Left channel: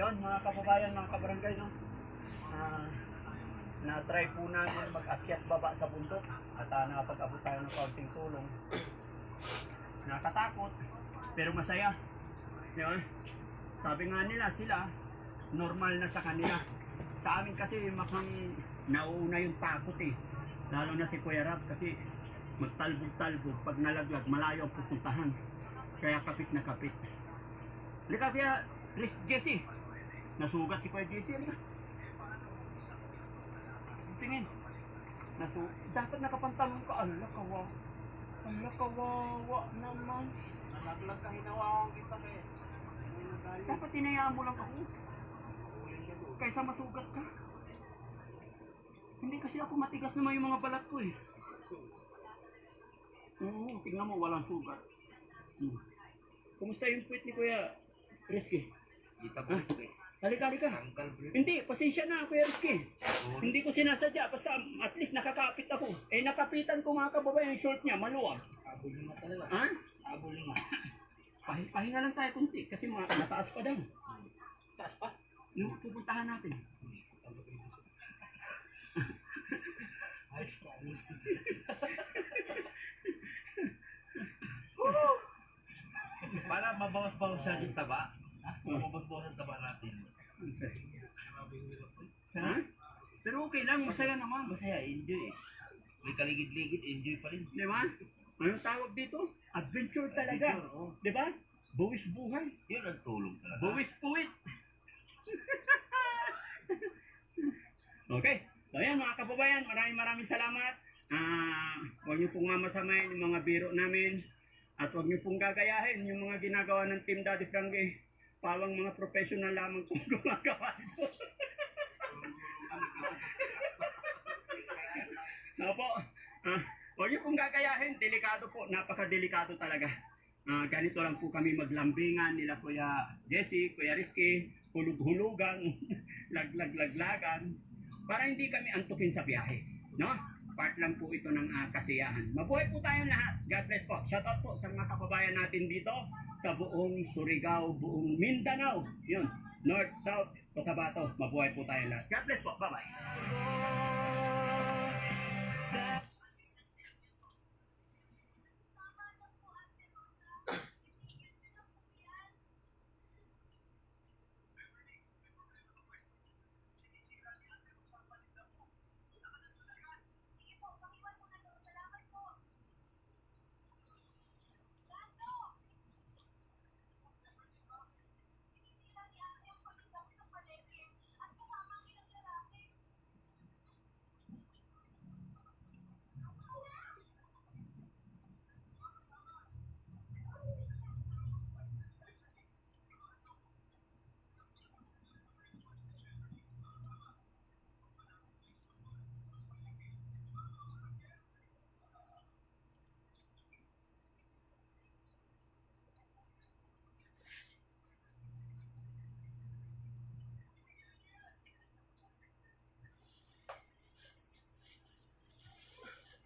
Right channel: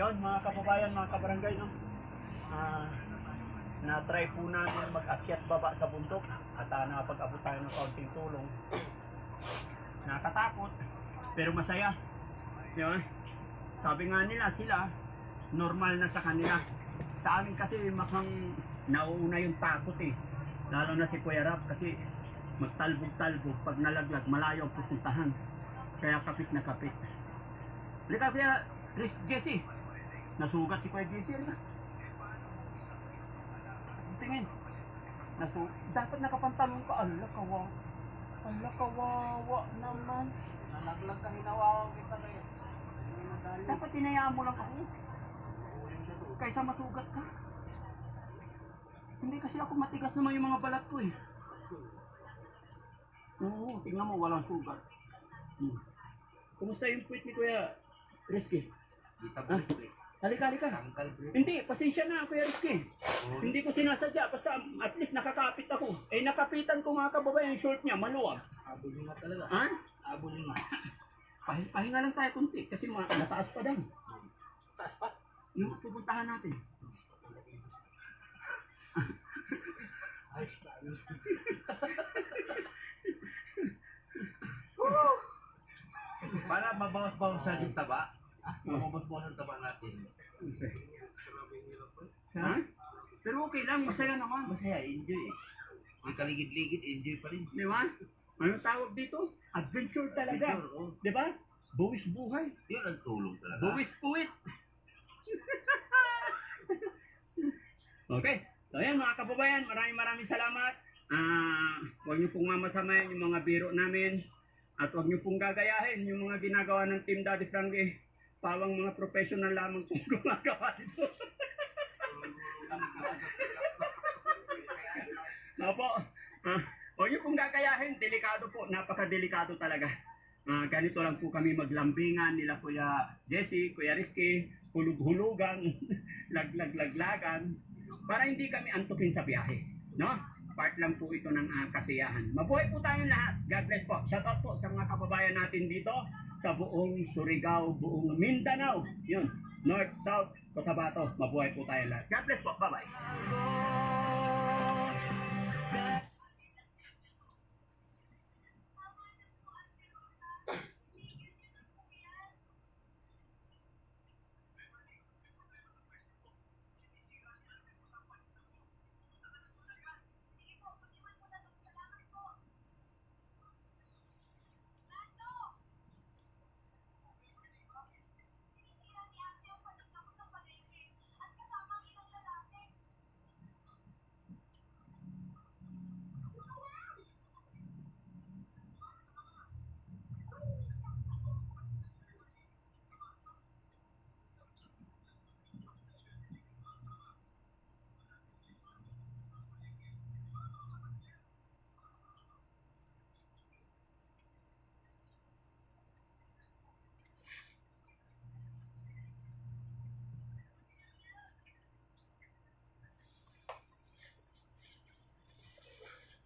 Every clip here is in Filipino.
Yun mga kababayan, mga kabarangay, no? Na-try po namin mag-akyat baba sa bundok at nakapag-abot tayo ng kaunting tulong. Nakatakot, pero masaya. Yun. Sabi nga nila sila, normal na sa kanila. Sa amin kasi makang nauuna yung takot eh. Lalo na si Kuya Rap kasi magtalbog-talbog. Pag nalaglag, malayo ang pupuntahan. Kaya kapit na kapit. Halika kaya, Jesse. Nasugat si Kuya Jesse. Halika. Tingin. Dapat nakapantalong ka. Ala, kawawa naman. Nalaglag ka, hinawawang kita kayo. Dapat tinayaan mo lang ako. Kaysa masugat ka. Hindi kasi ako matigas naman yung mga balat ko eh. Oo, tingnan mo, walang sugat. Kumusta yung puwit ni Kuya Rizky? Kita po ito eh. Halika. Hindi, pasensya na Kuya Rizky. Hindi ko sinasadya, basta at least nakakapit ako. Eh nakapitan ko mga kababayan yung short niya, maluwag. Abuling nga talaga. Ha? Abuling nga. Pahinga lang tayo kunti kasi mataas pa daw. Taas pa. Yung pupuntahan natin. Ayos ka, ayos ka. Para mabawas-bawasan yung taba. Mabawas-bawasan yung taba natin. Ha? Pero okay lang, masaya naman. Masaya, enjoy eh. May kaligid-ligid, enjoy pa rin. Di ba? Anong tawag dito? Adventure talaga. Adventure, oh. Di ba? Buwis buhay. Yun ang tulong talaga. Buwis puwit. Okay. So yan mga kababayan, maraming salamat. Huwag niyo pong mamasamayan yung mga biro namin. At huwag niyo pong gagayahin yung mga ginagawa ng Team Daddy Frankie. Pawang mga professional lamang pong gumagawa dito. Opo. Huwag niyo pong gagayahin. Delikado po. Napakadelikado talaga. Ganito lang po kami maglambingan nila Kuya Jesse, Kuya Rizky, hulug-hulugan, laglag-laglagan, para hindi kami antukin sa biyahe. No? Part lang po ito ng kasiyahan. Mabuhay po tayong lahat. God bless po. Shout out po sa mga kababayan natin dito sa buong Surigao, buong Mindanao. Yun. North, South, Cotabato. Mabuhay po tayong lahat. God bless po. Bye-bye.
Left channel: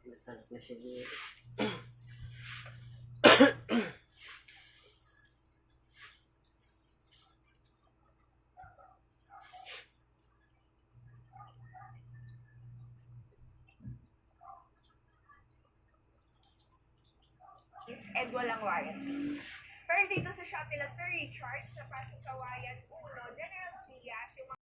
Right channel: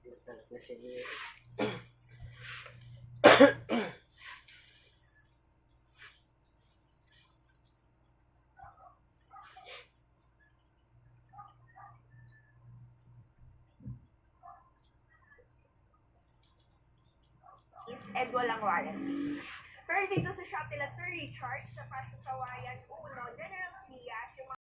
Nagtalag na siya. And walang warranty. Pero dito sa Shop nila Sir Richard, sa Pasasawayan,